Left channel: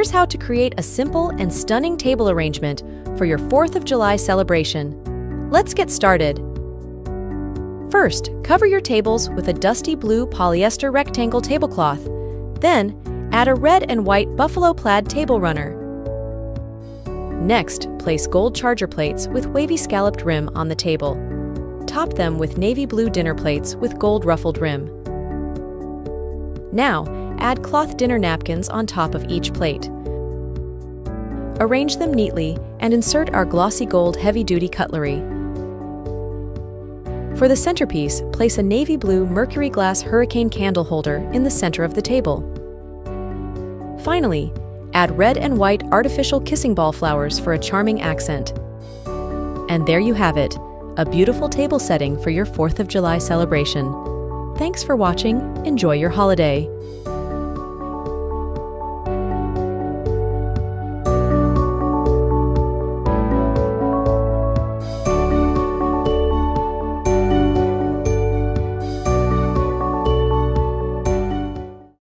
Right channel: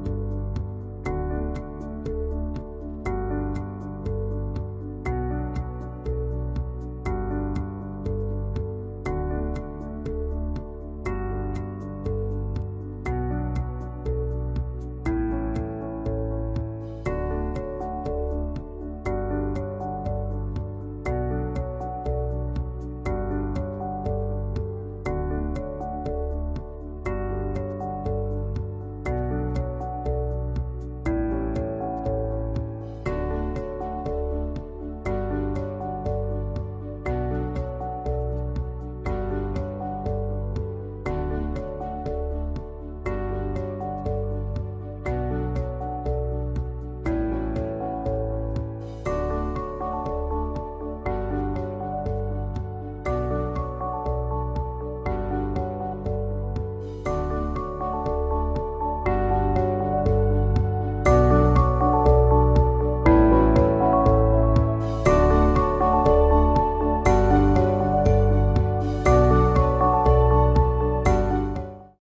Here's how to create a simple and stunning table arrangement for your 4th of July celebration. Let's get started. First, cover your tables with a dusty blue polyester rectangle tablecloth. Then, add a red and white buffalo plaid table runner. Next, place gold charger plates with wavy scalloped rim on the table. Top them with navy blue dinner plates with gold ruffled rim. Now, add cloth dinner napkins on top of each plate. Arrange them neatly and insert our glossy gold heavy-duty cutlery. For the centerpiece, place a navy blue Mercury glass hurricane candle holder in the center of the table. Finally, add red and white artificial kissing ball flowers for a charming accent. And there you have it, a beautiful table setting for your 4th of July celebration. Thanks for watching. Enjoy your holiday.